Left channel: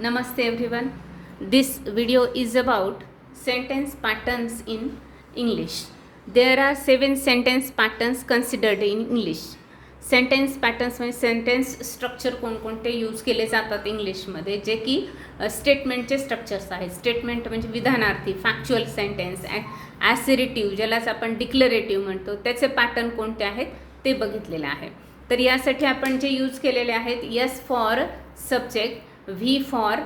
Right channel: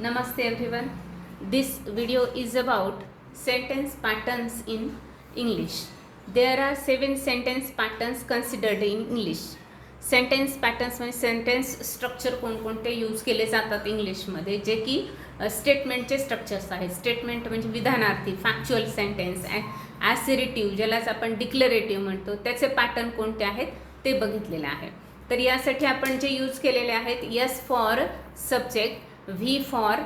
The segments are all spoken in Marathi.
Namaste everyone. This video is about sentence patterns in English. There are 7 sentence patterns considered in English. Sentence patterns म्हणजे सेंटेन्स स्ट्रक्चर कोणकोणते यूज केले जातात इंग्लिशमध्ये, जे की स्टेटमेंटचे स्ट्रक्चर्स आहेत. स्टेटमेंट म्हणजे विधानार्थी, फॅक्च्युअल सेंटेन्स, ॲसेरिटिव्ह ज्यालाच आपण डिक्लरेटिव्ह म्हणतो, त्याचे पॅटर्न कोणते आहेत ते बघितलेले आहे. तर यासाठी आपण जे यूज केलेले आहेत, S for subject, V for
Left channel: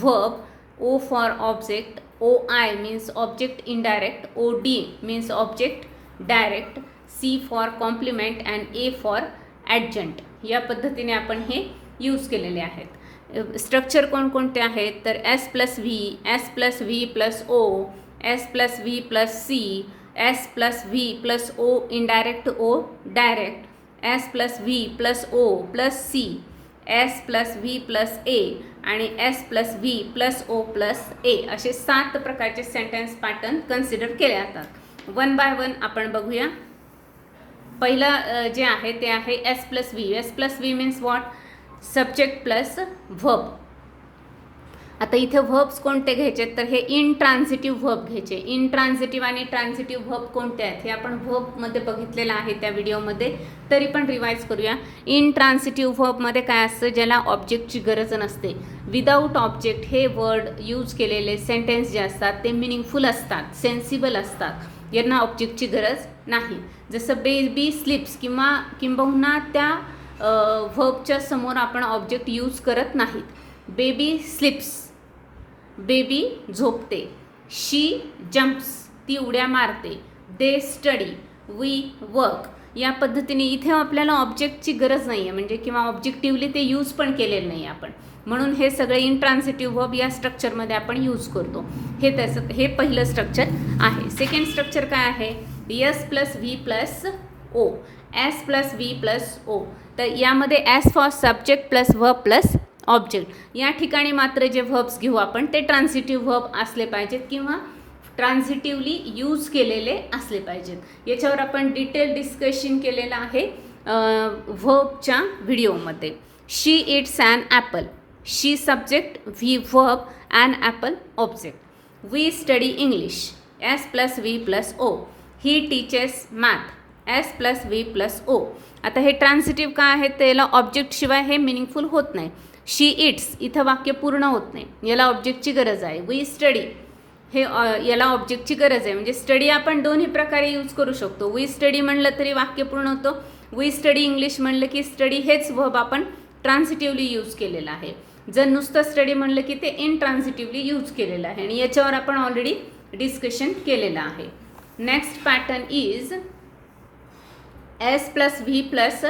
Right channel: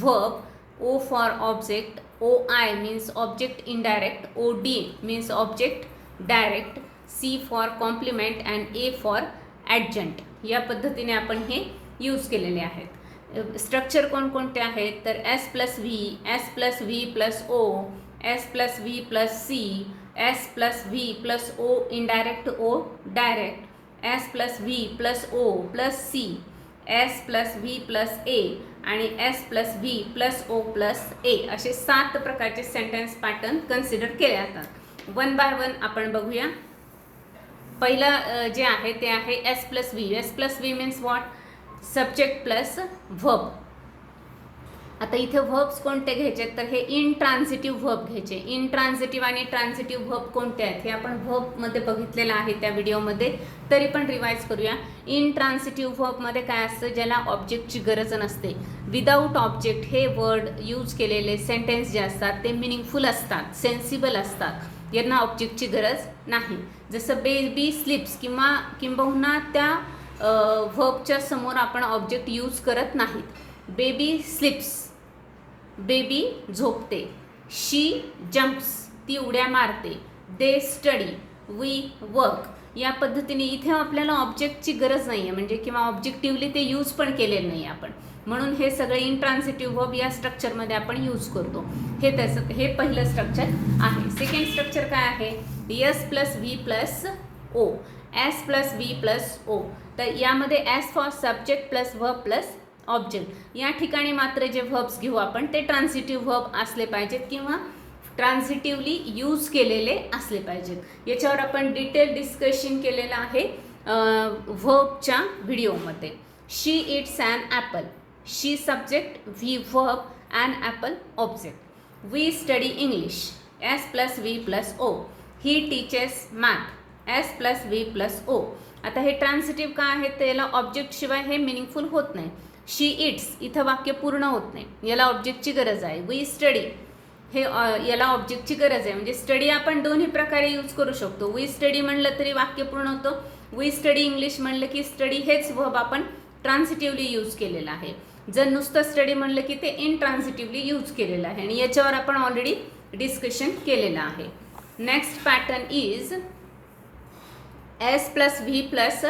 verb, O for object, OI means object indirect, OD means object direct, C for complement and A for adjunct. या पद्धतीने आपण हे यूज केलेले आहेत. स्ट्रक्चर कोणकोणते आहेत तर S plus V, S plus V plus O, S plus V plus C, S plus V plus O indirect O direct, S plus V plus O plus C, S plus V plus A आणि S plus V plus O plus A, असे 7 प्रकारचे सेंटेन्स पॅटर्न कन्सिडर केले जातात. वन बाय वन आपण बघूया. पहिलं जे आहे ते आहे S plus V. S plus V means what? Subject plus verb. आता इथे व्हर्ब्स कोणते घ्यायचे तर हे इनट्रान्झिटिव्ह व्हर्ब घ्यायचे. इनट्रान्झिटिव्ह आणि ट्रान्झिटिव्ह व्हर्ब कोणते आहेत हे आपण व्हर्बमध्ये बघितलेलं आहे त्या व्हिडिओमध्ये, तरी पण रिवाइज करूया. इनट्रान्झिटिव्ह व्हर्बमध्ये काय असतं, ज्याला ऑब्जेक्टची गरज नसते. विदाऊट ऑब्जेक्ट हे वर्ड यूज केलेले सेंटेन्स जे असतात ते मिनिंगफुल असतात, सेन्सिबल असतात, यांना ऑब्जेक्टची गरज नाही. जसं बेबी स्लिप्स किंबहुना त्या व्हर्बच्या समोर आपण ऑब्जेक्ट यूज करत नाहीत. बेबी स्लिप्स, बेबी झोपते. शी जम्प्स, ती उड्या मारते. They study, we work. या पद्धतीने इथे आपल्याला ऑब्जेक्टची गरज नाही आहे, म्हणजे किंवा ऑब्जेक्टिव्हली ते यूज पण केलेलं नाही आपण, म्हणून हे सगळे इनट्रान्झिटिव्ह वर्ब या स्ट्रक्चरमध्ये आपण यूज करतो. हे पहिलं स्ट्रक्चर आहे. सेकंड स्ट्रक्चर काय आहे? S plus V plus O, S plus V plus O. तर यामध्ये S for subject plus verb plus object. या ठिकाणी मात्र जे व्हर्ब्स घेऊ आपण ते ट्रान्झिटिव्ह व्हर्ब असले पाहिजेत किंवा ट्रान्झिटिव्हली यूज केलेले असले पाहिजेत. याच्यावर आपण डिटेल डिस्कशन केलेलं आहे व्हर्बच्या व्हिडिओमध्ये. She it's an apple. She subject, V verb, an apple object. We study English. S plus V plus O. He teaches math. S plus V plus O. आता हे ट्रान्झिटिव्ह काय आहे तर याला ऑब्जेक्टशिवाय हे मिनिंगफुल होत नाही. शी इट्स, इथं वाक्य पूर्ण होत नाही, याला ऑब्जेक्टची गरज आहे. वी स्टडी, हे याला ऑब्जेक्टची गरज आहे, म्हणजे स्टडी आपण दोन्ही प्रकारे यूज करू शकतो. वी स्टडी म्हणलं तरी वाक्य पूर्ण होतं. वी स्टडी इंग्लिश म्हणलं की स्टडी हेच व्हर्ब आपण ट्रान्झिटिव्हली यूज केलेलं आहे. जर नुसतं स्टडी म्हणलं की ते इनट्रान्झिटिव्हली यूज केलेलं आहे, आणि याच्यावर आपण ऑलरेडी डिस्कशन केलेलं आहे. Next pattern is S plus V plus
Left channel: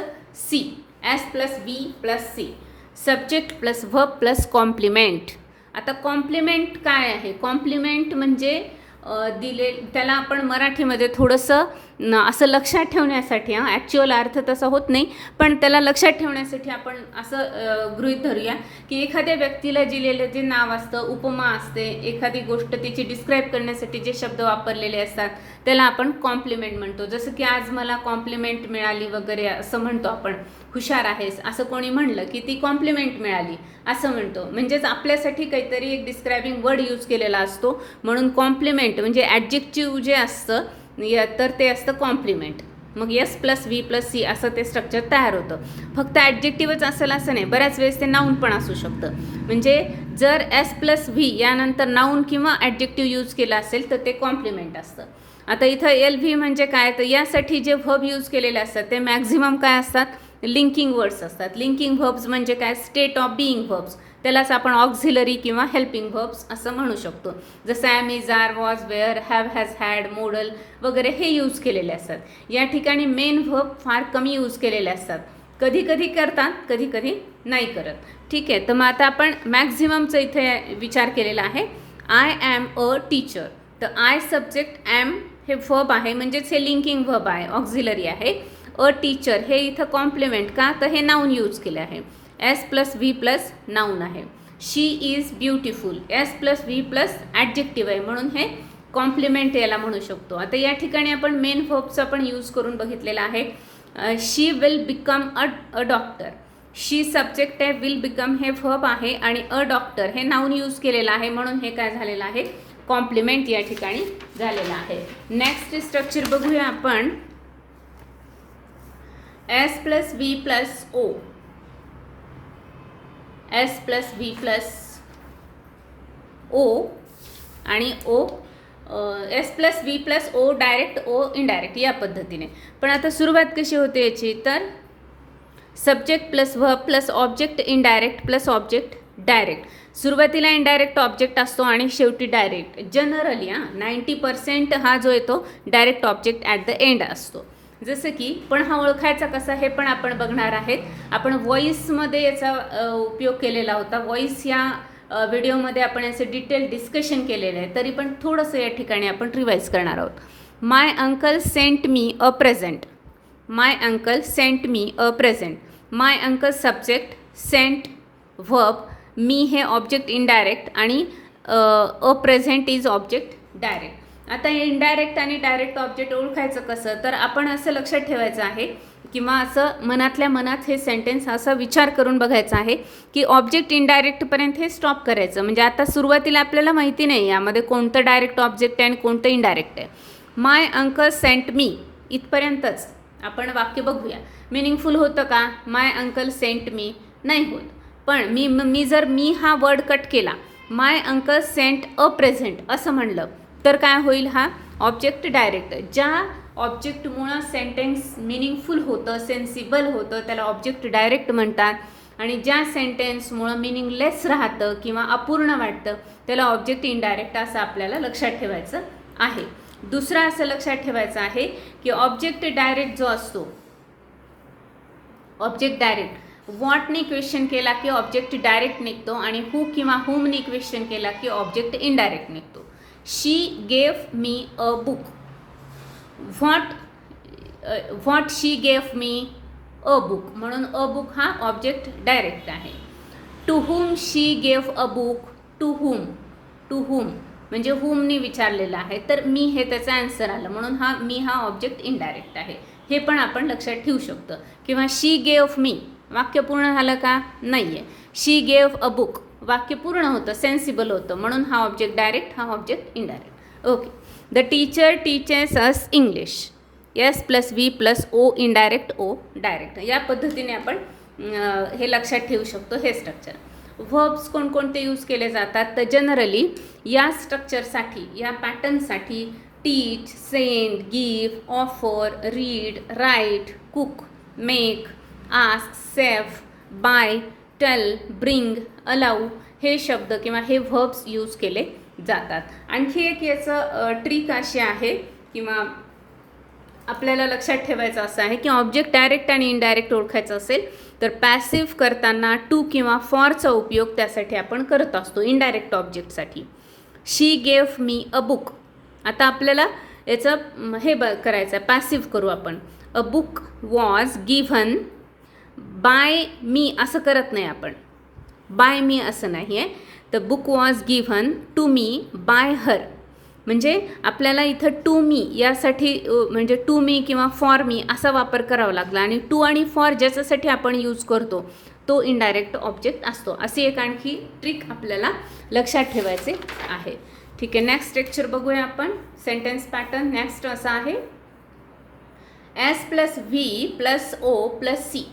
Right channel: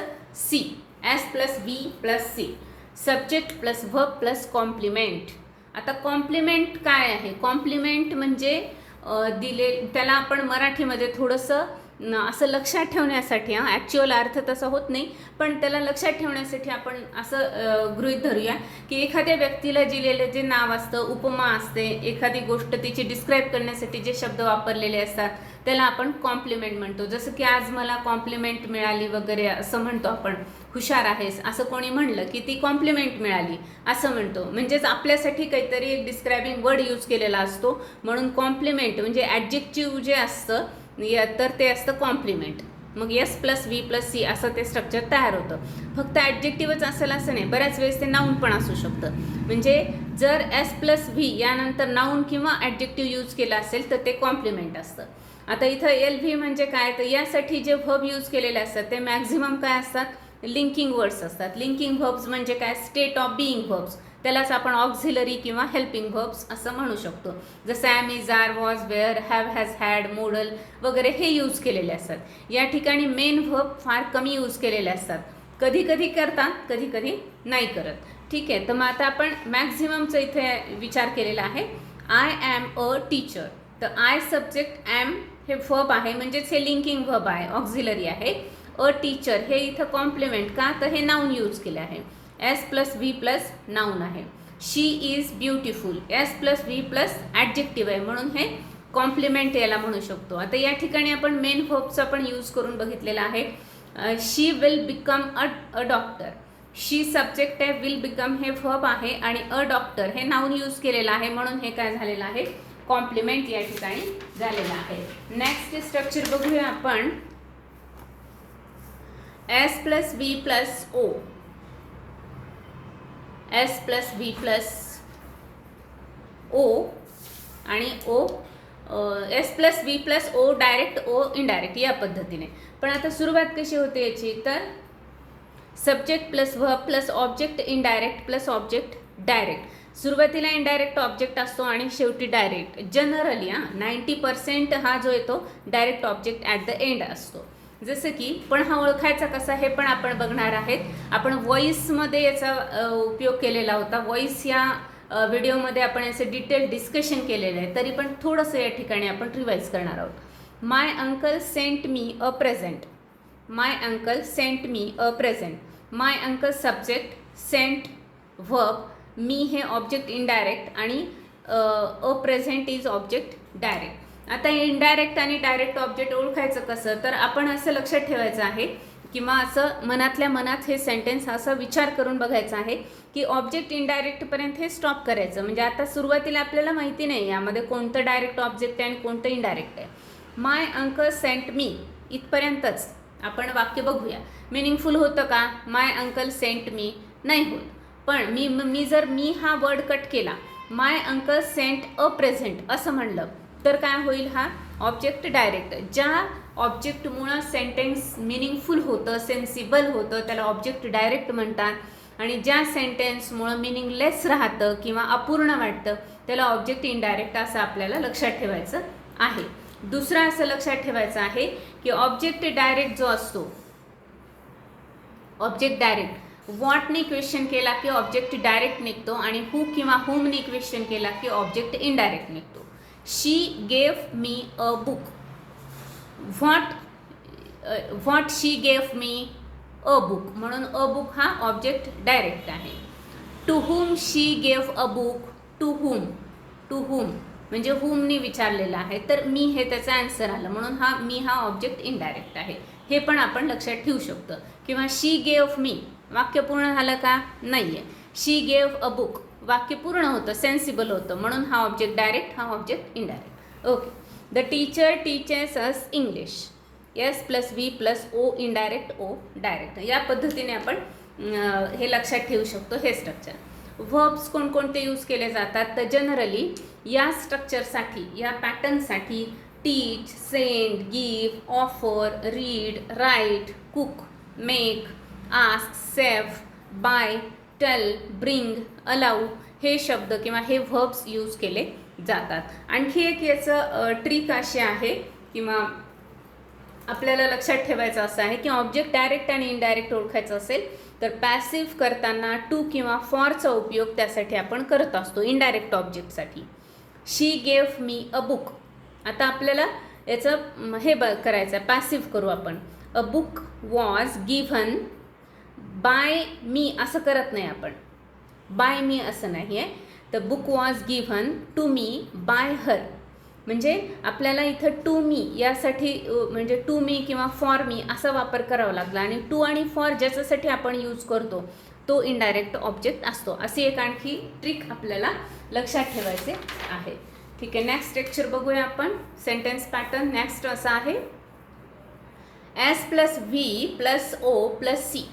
C. S plus V plus C. Subject plus verb plus complement. आता कॉम्प्लिमेंट काय आहे? कॉम्प्लिमेंट म्हणजे त्याला आपण मराठीमध्ये थोडंसं असं लक्षात ठेवण्यासाठी, ॲक्च्युअल अर्थ तसा होत नाही, पण त्याला लक्षात ठेवण्यासाठी आपण असं गृहीत धरूया की एखाद्या व्यक्तीला दिलेलं जे नाव असतं, उपमा असते, एखादी गोष्ट तिची डिस्क्राईब करण्यासाठी जे शब्द वापरलेले असतात त्याला आपण कॉम्प्लिमेंट म्हणतो. जसं की आज मला कॉम्प्लिमेंट मिळाली वगैरे असं म्हणतो आपण. हुशार आहेस असं कोणी म्हणलं की ती कॉम्प्लिमेंट मिळाली असं म्हणतो, म्हणजेच आपल्यासाठी काहीतरी एक डिस्क्रायबिंग वर्ड यूज केलेला असतो, म्हणून कॉम्प्लिमेंट म्हणजे ॲडजेक्टिव्ह जे असतं तर ते असतं कॉम्प्लिमेंट. मग S plus V plus C असं ते स्ट्रक्चर तयार होतं. फक्त ॲडजेक्टिव्हच असेल असं नाही, बऱ्याच वेळेस ते नाऊन पण असू शकतं. म्हणजे जर एस प्लस व्ही यानंतर नाऊन किंवा ॲडजेक्टिव्ह यूज केला असेल तर ते कॉम्प्लिमेंट असतं. आता इथं एल व्ही म्हणजे काय तर यासाठी जे व्हर्ब यूज केलेले असतात ते मॅक्झिमम काय असतात? लिंकिंग वर्ड्स असतात. लिंकिंग व्हर्ब्स म्हणजे काय? State of being verbs. त्यालाच आपण ऑक्झिलरी किंवा हेल्पिंग व्हर्ब्स असं म्हणू शकतो. जसं am, is, are, was, were, have, has, had, modal वगैरे हे यूज केलेले असतात. या ठिकाणी मेन व्हर्ब फार कमी यूज केलेले असतात. कधी कधी करतात, कधी कधी नाही करत. ठीक आहे, तर मग आता आपण मॅक्झिममचा इथे विचार केलेला आहे. I am a teacher. तर आय सब्जेक्ट, ॲम हे व्हर्ब आहे, म्हणजेच हे लिंकिंग व्हर्ब आहे, ऑक्झिलरी आहे. अ टीचर हे इथं कॉम्प्लिमेंट का तर हे नाऊन यूज केले आहे. S plus V plus noun आहे. She is beautiful. S plus V plus adjective आहे, म्हणून हे कॉम्प्लिमेंट याला म्हणू शकतो. आता या ठिकाणी आपण मेन व्हर्बचा पण यूज करून बघितलेला आहे. She will become a doctor. She subject आहे, विल बिकम हे व्हर्ब आहे आणि अ डॉक्टर हे नाउन यूज केलेलं आहे, म्हणून हे काय झालेलं आहे, कॉम्प्लिमेंट या ठिकाणी झालेलं आहे. नेक्स्ट स्ट्रक्चर बघूया आपण. S plus V plus O, S plus V plus O आणि O, S plus V plus O direct O indirect या पद्धतीने. पण आता सुरुवात कशी होते याची, तर subject plus verb plus object indirect plus object direct. सुरुवातीला इनडायरेक्ट ऑब्जेक्ट असतो आणि शेवटी डायरेक्ट. जनरली 90% हा जो येतो direct object at the end असतो. जसं की पण हा ओळखायचा कसा हे पण आपण बघणार आहेत. आपण व्हॉइसमध्ये याचा उपयोग केलेला होता. व्हॉइस या व्हिडिओमध्ये आपण याचं डिटेल डिस्कशन केलेलं आहे, तरी पण थोडंसं या ठिकाणी आपण रिवाईज करणार आहोत. My uncle sent me a present, my uncle sent me a present. My uncle subject, sent verb, me हे ऑब्जेक्ट इनडायरेक्ट आणि a present is object direct. आता इनडायरेक्ट आणि डायरेक्ट ऑब्जेक्ट ओळखायचं कसं, तर आपण असं लक्षात ठेवायचं आहे किंवा असं मनातल्या मनात हे सेंटेन्स असा विचार करून बघायचा आहे की ऑब्जेक्ट इनडायरेक्टपर्यंत हे स्टॉप करायचं. म्हणजे आता सुरुवातीला आपल्याला माहिती नाही यामध्ये कोणतं डायरेक्ट ऑब्जेक्ट आहे आणि कोणतं इनडायरेक्ट आहे. माय अंकल सेंट मी इथपर्यंतच आपण वाक्य बघूया. मिनिंगफुल होतं का? माय अंकल सेंट मी नाही होत. पण मी जर मी हा वर्ड कट केला, माय अंकल सेंट अ प्रेझेंट असं म्हणलं, तर काय होईल, हा ऑब्जेक्ट डायरेक्ट. ज्या ऑब्जेक्टमुळं सेंटेन्स मिनिंगफुल होतं, सेन्सिबल होतं, त्याला ऑब्जेक्ट डायरेक्ट म्हणतात. आणि ज्या सेंटेन्समुळं मिनिंगलेस राहतं किंवा अपूर्ण वाटतं त्याला ऑब्जेक्ट इनडायरेक्ट असं आपल्याला लक्षात ठेवायचं आहे. दुसरं असं लक्षात ठेवायचं आहे की ऑब्जेक्ट डायरेक्ट जो असतो, ऑब्जेक्ट डायरेक्ट व्हॉटने क्वेश्चन केला की ऑब्जेक्ट डायरेक्ट निघतो आणि हू किंवा हुमने क्वेश्चन केला की ऑब्जेक्ट इनडायरेक्ट निघतो. She gave me a book, what she gave me a book, म्हणून अ बुक हा ऑब्जेक्ट डायरेक्ट आहे. To whom she gave a book, to whom म्हणजे हुमने विचारलेलं आहे, तर मी हे त्याचा आन्सर आलं, म्हणून मी हा ऑब्जेक्ट इनडायरेक्ट आहे. हे पण आपण लक्षात ठेवू शकतो. किंवा शी गेव मी, वाक्य पूर्ण झालं का? नाही आहे. शी गेव अ बुक, वाक्य पूर्ण होतं, सेन्सिबल होतं, म्हणून हा ऑब्जेक्ट डायरेक्ट, हा object indirect. Okay. The teacher teachers us English, S plus V plus O indirect O direct. या पद्धतीने आपण हे लक्षात ठेवू शकतो हे स्ट्रक्चर. व्हर्ब्स कोणकोणते यूज केले जातात, तर जनरली या स्ट्रक्चरसाठी, या पॅटर्नसाठी teach, send, give, offer, read, write, cook, make, ask, save, buy, tell, bring, allow हे शब्द किंवा हे व्हर्ब्स यूज केले जातात. आणखी एक याचं ट्रिक अशी आहे किंवा आपल्याला लक्षात ठेवायचं असं आहे की ऑब्जेक्ट डायरेक्ट आणि इनडायरेक्ट ओळखायचं असेल तर पॅसिव्ह करताना टू किंवा फॉरचा उपयोग त्यासाठी आपण करत असतो इनडायरेक्ट ऑब्जेक्टसाठी. She gave me a book. आता आपल्याला याचं हे करायचं आहे, पॅसिव्ह करू आपण. A book was given by me असं करत नाही आपण, बाय मी असं नाही आहे. The book was given to me by her. म्हणजे आपल्याला इथं टू मी यासाठी म्हणजे टू मी किंवा फॉर मी असा वापर करावा लागला. आणि टू आणि फॉर ज्याच्यासाठी आपण यूज करतो तो इनडायरेक्ट ऑब्जेक्ट असतो. अशी एक आणखी ट्रिक आपल्याला लक्षात ठेवायचे आहे. ठीक आहे. नेक्स्ट लेक्चर बघूया आपण. सेंटेन्स पॅटर्न नेक्स्ट असा आहे. S plus V plus O plus C,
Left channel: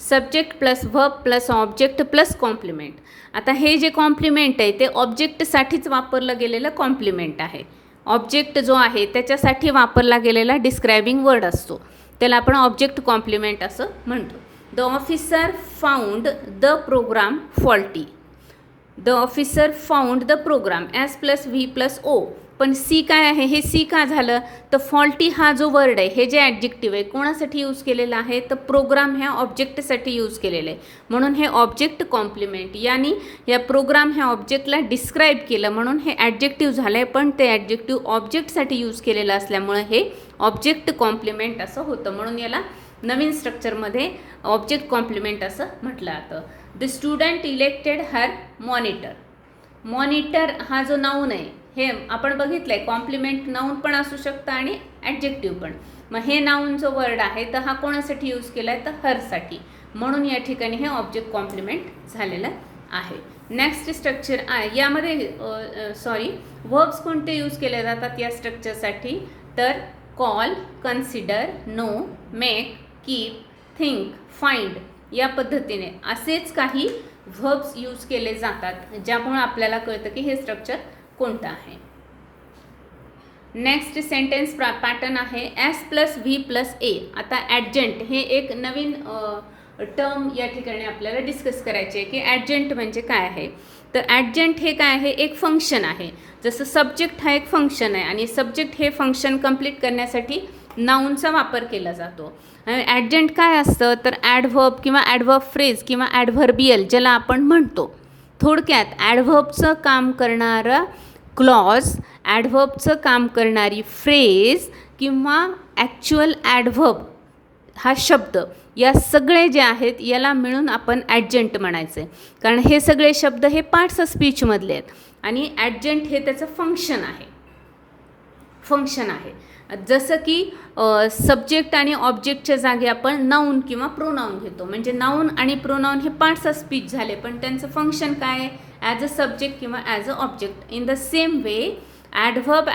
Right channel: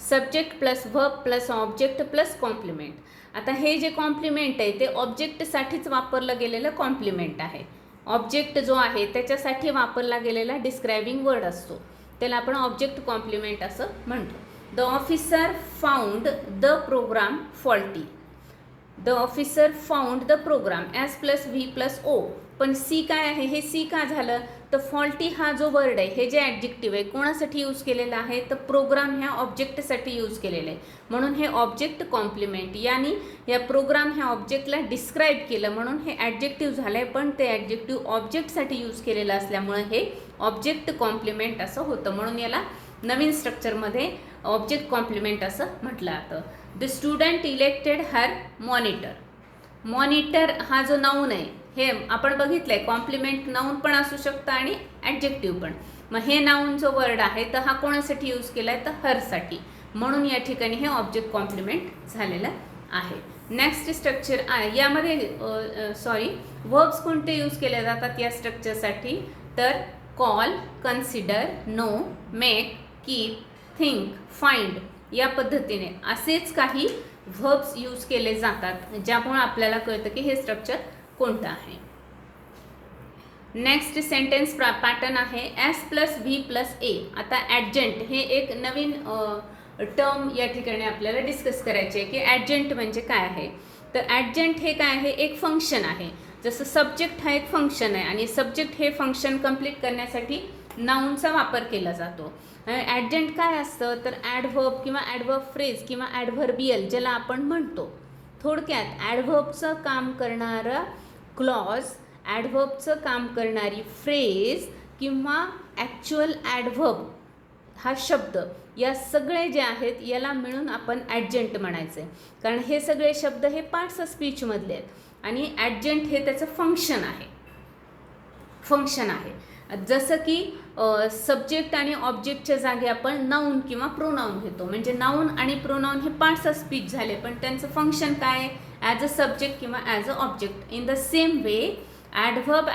subject plus verb plus object plus complement. आता हे जे कॉम्प्लिमेंट आहे ते ऑब्जेक्टसाठीच वापरलं गेलेलं कॉम्प्लिमेंट आहे. ऑब्जेक्ट जो आहे त्याच्यासाठी वापरला गेलेला डिस्क्रायबिंग वर्ड असतो, त्याला आपण ऑब्जेक्ट कॉम्प्लिमेंट असं म्हणतो. The officer found the programme faulty. The officer found the programme, S plus V plus O. पण सी काय आहे, हे सी का झालं, तर फॉल्टी हा जो वर्ड आहे, हे जे ॲडजेक्टिव्ह आहे कोणासाठी यूज केलेलं आहे, तर प्रोग्राम ह्या ऑब्जेक्टसाठी यूज केलेलं आहे. म्हणून हे ऑब्जेक्ट कॉम्प्लिमेंट, यानी या प्रोग्राम ह्या ऑब्जेक्टला डिस्क्राईब केलं म्हणून हे ॲडजेक्टिव्ह झालं आहे. पण ते ॲडजेक्टिव्ह ऑब्जेक्टसाठी यूज केलेलं असल्यामुळे हे ऑब्जेक्ट कॉम्प्लिमेंट असं होतं. म्हणून याला नवीन स्ट्रक्चरमध्ये ऑब्जेक्ट कॉम्प्लिमेंट असं म्हटलं जातं. The student elected her monitor. Monitor हा जो नाऊन आहे हे आपण बघितलं आहे, कॉम्प्लिमेंट नाऊन पण असू शकतं आणि ॲडजेक्टिव्ह पण. मग हे नाऊन जो वर्ड आहे तर हा कोणासाठी यूज केला आहे, तर हरसाठी. म्हणून या ठिकाणी हे ऑब्जेक्ट कॉम्प्लिमेंट झालेलं आहे. नेक्स्ट स्ट्रक्चर आहे, यामध्ये वर्ब्स कोणते यूज केले जातात या स्ट्रक्चरसाठी, तर call, consider, know, make, keep, think, find या पद्धतीने असेच काही व्हर्ब्स यूज केले जातात, ज्यामुळे आपल्याला कळतं की हे स्ट्रक्चर कोणतं आहे. नेक्स्ट सेंटेन्स पॅटर्न आहे एस प्लस व्ही प्लस ए. आता ॲडजंट हे एक नवीन टर्म या ठिकाणी आपल्याला डिस्कस करायचे आहे की ॲडजंट म्हणजे काय आहे. तर ॲडजंट हे काय आहे, एक फंक्शन आहे. जसं सब्जेक्ट हा एक फंक्शन आहे आणि सब्जेक्ट हे फंक्शन कंप्लीट करण्यासाठी नाऊनचा वापर केला जातो. ॲडजंट काय असतं, तर ॲडव्हर्ब किंवा ॲडव्हर्ब फ्रेज किंवा ॲडव्हर्बियल ज्याला आपण म्हणतो. थोडक्यात ॲडव्हर्बचं काम करणारं क्लॉज, ॲडव्हर्बचं काम करणारी फ्रेज किंवा ॲक्च्युअल ॲडव्हर्ब हा शब्द, या सगळे जे आहेत याला मिळून आपण ॲडजंट म्हणायचे. कारण हे सगळे शब्द हे पार्ट्स ऑफ स्पीचमधले आहेत आणि ॲडजंट हे त्याचं फंक्शन आहे. जसं की सब्जेक्ट आणि ऑब्जेक्टच्या जागी आपण नाऊन किंवा प्रोनाऊन घेतो. म्हणजे नाऊन आणि प्रोनाऊन हे पार्ट्स ऑफ स्पीच झाले, पण त्यांचं फंक्शन काय आहे, ॲज अ सब्जेक्ट किंवा as a object. In the same way adverb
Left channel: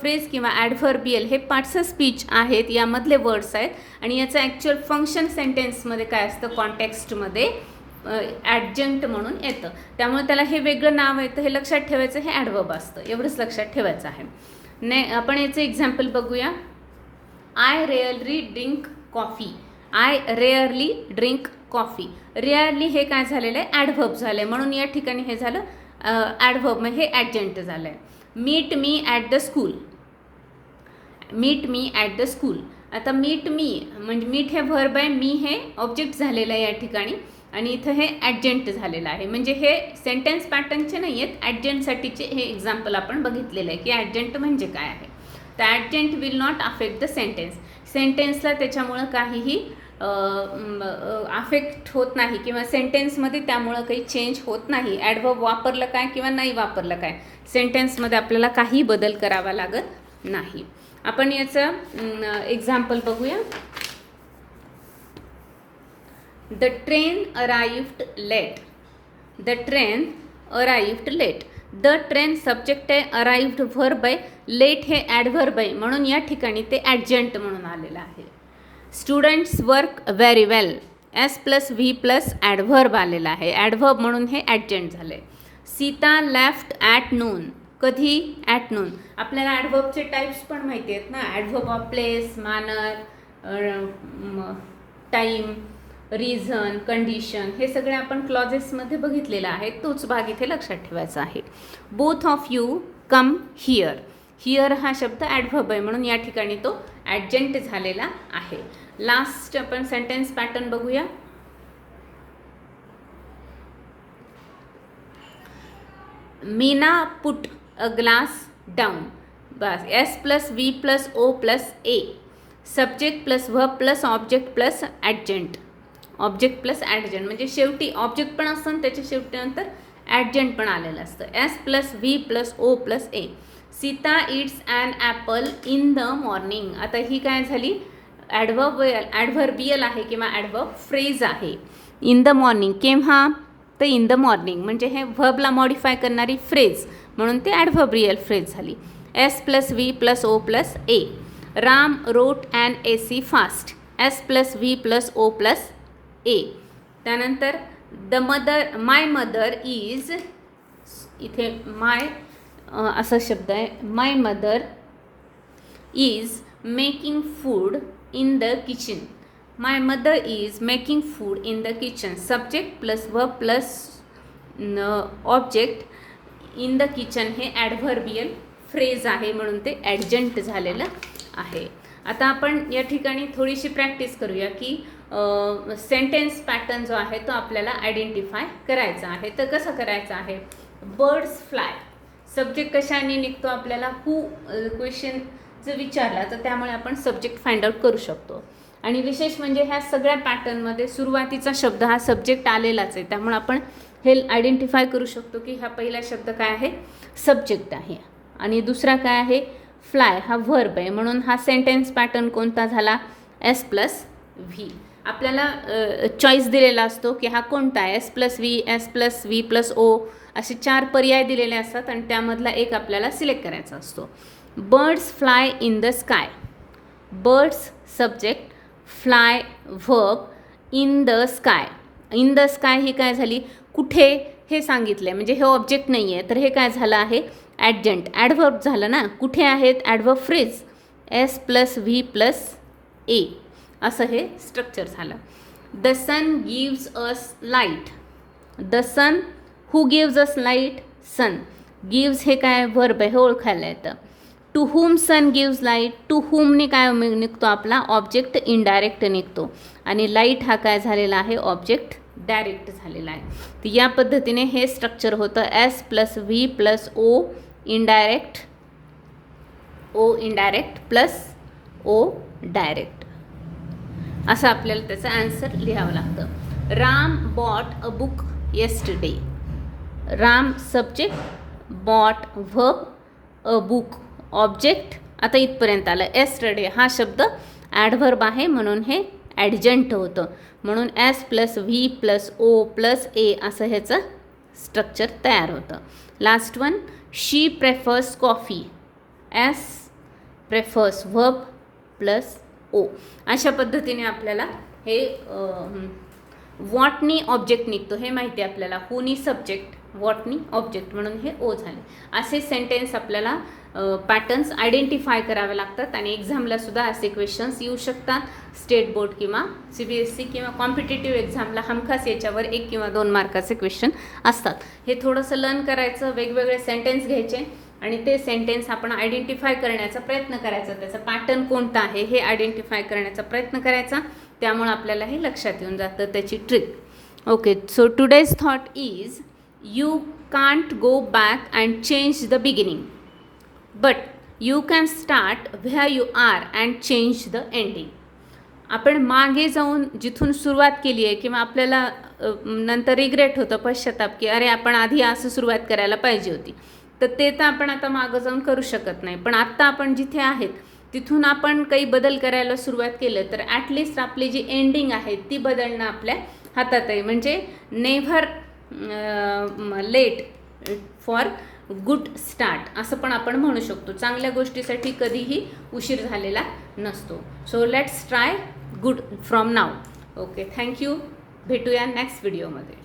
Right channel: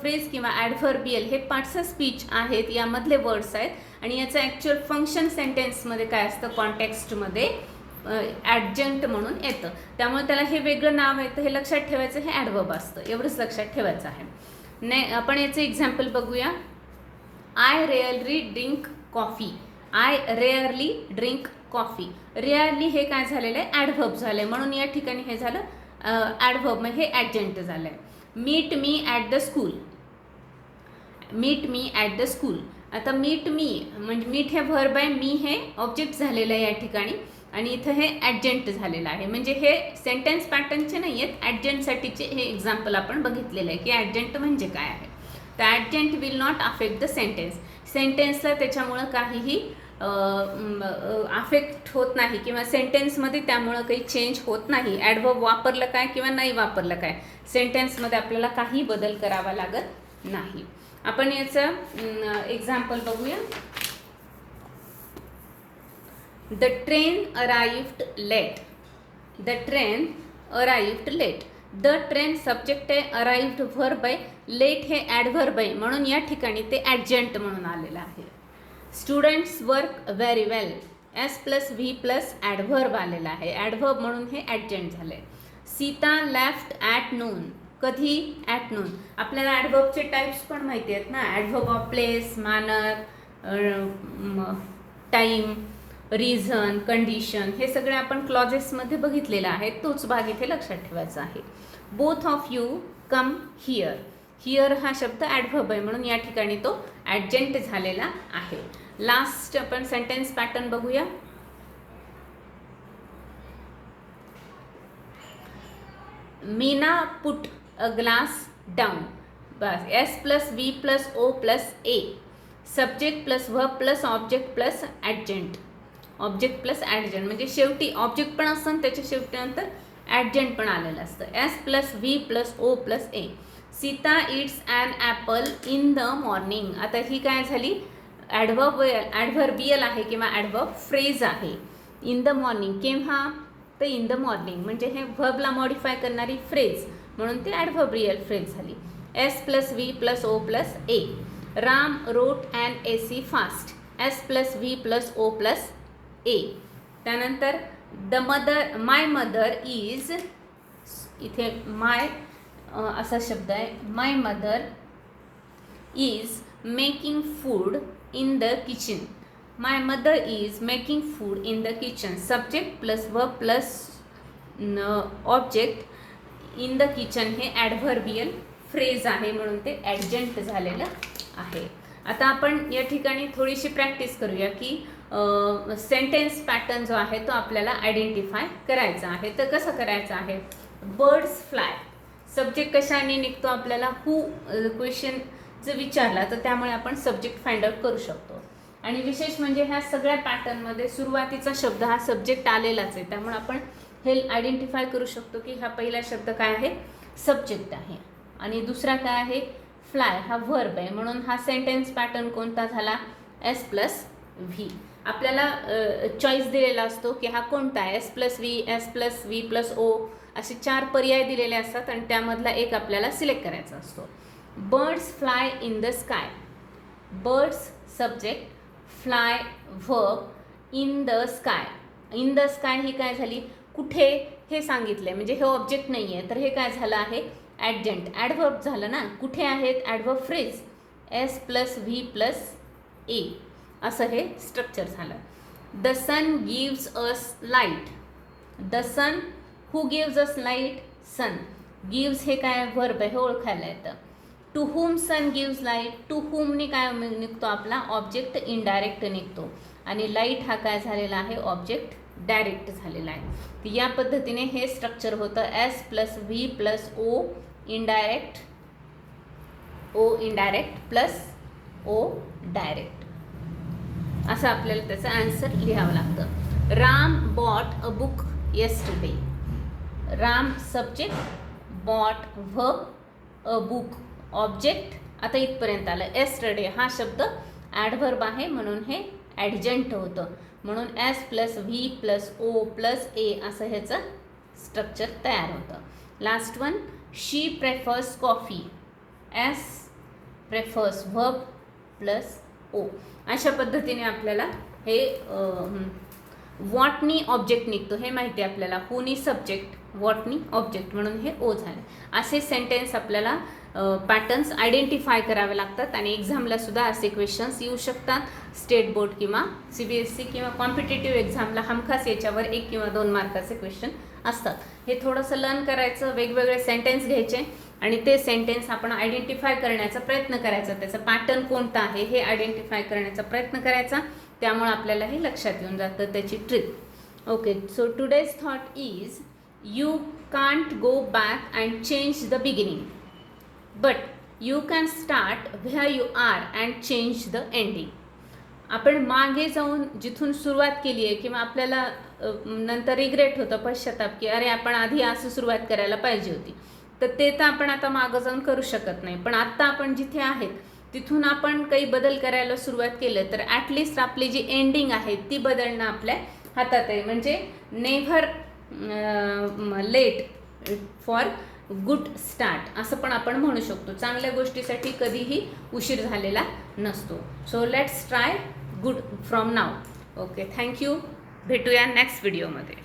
phrase किंवा ॲडव्हर्बियल हे पार्ट्स ऑफ स्पीच आहेत, यामधले वर्ड्स आहेत आणि याचं ॲक्च्युअल फंक्शन सेंटेन्समध्ये काय असतं, कॉन्टेक्स्टमध्ये ॲडजंट म्हणून येतं. त्यामुळे त्याला हे वेगळं नाव येतं, हे लक्षात ठेवायचं, हे ॲडव्हर्ब असतं, एवढंच लक्षात ठेवायचं आहे. आपण याचं एक्झाम्पल बघूया. I rarely drink coffee. I rarely drink coffee. Rarely हे काय झालेलं आहे, ॲडव्हर्ब झालं आहे, म्हणून या ठिकाणी हे झालं ॲडव्हर्ब, हे ॲडजंट झालं आहे. Meet me at the school. Meet me at the school. आता मीट मी म्हणजे मीट हे व्हर्ब आहे, मी हे ऑब्जेक्ट झालेलं आहे या ठिकाणी आणि इथं हे ॲडजंट झालेलं आहे. म्हणजे हे सेंटेन्स पॅटर्नचे नाही आहेत, ॲडजंटसाठीचे हे एक्झाम्पल आपण बघितलेलं आहे की ॲडजंट म्हणजे काय आहे. तर adjunct will not affect the sentence. सेंटेन्सला त्याच्यामुळं काहीही अफेक्ट होत नाही किंवा सेंटेन्समध्ये त्यामुळं काही चेंज होत नाही. ॲडव्हर्ब वापरलं काय किंवा नाही वापरलं काय, सेंटेन्समध्ये आपल्याला काही बदल करावा लागत नाही. आपण याचं एक्झाम्पल बघूया. The train arrived late. The train arrived late. The train subject आहे, अराइव्ड व्हर्ब आहे, लेट हे ॲडव्हर्ब आहे, म्हणून या ठिकाणी ते ॲडजंट म्हणून आलेलं आहे. Students work very well. S plus V plus adverb आलेला आहे, ॲडव्हर्ब म्हणून हे ॲडजंट झालं आहे. Sita left at noon. कधी, ॲट नून. आपल्याला ॲडव्हर्बचे टाईप्स पण माहिती आहेत ना, adverb of place, manner, time, reason, condition, हे सगळे आपण क्लॉजेसमध्ये बघितलेलं आहे, तोच भाग इथे लक्षात ठेवायचा आहे. Both of you come here. Here हा शब्द ॲडव्हर्ब आहे, म्हणून या ठिकाणी तो ॲडजंट झालेला आहे. लास्ट आपण सेंटेन्स पॅटर्न बघूया. Meena put a glass down. बस, S plus V plus O plus A. Subject plus verb plus object plus adjunct. Object plus adjunct म्हणजे शेवटी ऑब्जेक्ट पण असतं आणि त्याच्या शेवटी नंतर ॲडजंट पण आलेलं असतं. S plus V plus O plus A. Sita eats an apple in the morning. आता ही काय झाली, ॲडव्हर्बियल आहे किंवा ॲडव्हर्ब फ्रेज आहे. इन द मॉर्निंग केव्हा, तर इन द मॉर्निंग म्हणजे हे व्हर्बला मॉडिफाय करणारी फ्रेज, म्हणून ते ॲडव्हर्बियल फ्रेज झाली. S plus V plus O plus A. Ram wrote an AC fast. S plus V plus O plus A. त्यानंतर माय मदर इज, इथे माय असा शब्द आहे, my mother is making food in the kitchen. My mother is making food in the kitchen. Subject plus verb plus object in the kitchen हे ॲडव्हर्बियल फ्रेज आहे, म्हणून ते ॲडजंट झालेलं आहे. आता आपण या ठिकाणी थोडीशी प्रॅक्टिस करूया की सेंटेन्स पॅटर्न जो आहे तो आपल्याला आयडेंटिफाय करायचा आहे. तर कसं करायचं आहे, बर्ड्स फ्लाय. सब्जेक्ट कशाने निघतो आपल्याला, हू क्वेश्चन जर विचारला तर त्यामुळे आपण सब्जेक्ट फाइंड आउट करू शकतो. आणि विशेष म्हणजे ह्या सगळ्या पॅटर्नमध्ये सुरुवातीचा शब्द हा सब्जेक्ट आलेलाच आहे, त्यामुळे आपण हे आयडेंटिफाय करू शकतो की हा पहिला शब्द काय आहे, सब्जेक्ट आहे. आणि दुसरा काय आहे, फ्लाय हा व्हर्ब आहे, म्हणून हा सेंटेन्स पॅटर्न कोणता झाला, एस प्लस व्ही. आपल्याला चॉईस दिलेला असतो की हा कोणता आहे, S plus V plus O असे 4 पर्याय दिलेले असतात आणि त्यामधला एक आपल्याला सिलेक्ट करायचा असतो. Birds fly in the sky. Birds subject, fly verb, in the sky. In the sky ही काय झाली, कुठे हे सांगितलं आहे, म्हणजे हे ऑब्जेक्ट नाही आहे, तर हे काय झालं आहे, ॲडजंट ॲडवर्ब झालं ना. कुठे आहेत, adverb phrase, S plus V plus A असं हे स्ट्रक्चर झालं. The sun gives us light. The sun, who gives us light, sun. Gives हे काय वर्ब आहे, हे ओळखायला येतं. To whom sun gives light. To हुमने काय निघतो आपला ऑब्जेक्ट इनडायरेक्ट निघतो आणि लाईट हा काय झालेला आहे, ऑब्जेक्ट डायरेक्ट झालेला आहे. तर या पद्धतीने हे स्ट्रक्चर होतं, S plus V plus O indirect, O indirect plus O direct, असं आपल्याला त्याचं आन्सर लिहावं लागतं. Ram bought a book yesterday. Ram subject, bought verb, a book object. आता इथपर्यंत आलं. येस्टरडे हा शब्द ॲडव्हर्ब आहे म्हणून हे ॲडजंट होतं, म्हणून S plus V plus O plus A असं ह्याचं स्ट्रक्चर तयार होतं. Last one, she prefers coffee. S prefers verb plus O. अशा पद्धतीने आपल्याला हे वॉटनी ऑब्जेक्ट निघतो हे माहिती आहे आपल्याला. हुनी सब्जेक्ट, वॉटनी ऑब्जेक्ट म्हणून हे ओ झाले. असे सेंटेन्स आपल्याला पॅटर्न्स आयडेंटिफाय करावे लागतात आणि एक्झामला सुद्धा असे क्वेश्चन्स येऊ शकतात. स्टेट बोर्ड किंवा CBSE किंवा कॉम्पिटेटिव्ह एक्झामला हमखास याच्यावर 1 किंवा 2 मार्काचे क्वेश्चन असतात. हे थोडंसं लर्न करायचं, वेगवेगळे सेंटेन्स घ्यायचे आणि ते सेंटेन्स आपण आयडेंटिफाय करण्याचा प्रयत्न करायचा. त्याचा पॅटर्न कोणता आहे हे आयडेंटिफाय करण्याचा प्रयत्न करायचा. त्यामुळे आपल्यालाही लक्षात येऊन जातं त्याची trick. Okay, so today's thought is you can't go back and change the beginning, but you can start where you are and change the ending. आपण मागे जाऊन जिथून सुरुवात केली आहे किंवा आपल्याला नंतर रिग्रेट होतं, पश्चाताप, की अरे आपण आधी असं सुरुवात करायला पाहिजे होती, तर ते तर आपण आता मागं जाऊन करू शकत नाही. पण आत्ता आपण जिथे आहेत तिथून आपण काही बदल करायला सुरुवात केलं तर ॲटलिस्ट आपली जी एंडिंग आहे ती बदलणं आपल्या हातात आहे. म्हणजे never late for good start असं पण आपण म्हणू शकतो. चांगल्या गोष्टीसाठी कधीही उशीर झालेला नसतो. So let's try good from now. Okay, thank you. भेटूया नेक्स्ट व्हिडिओमध्ये.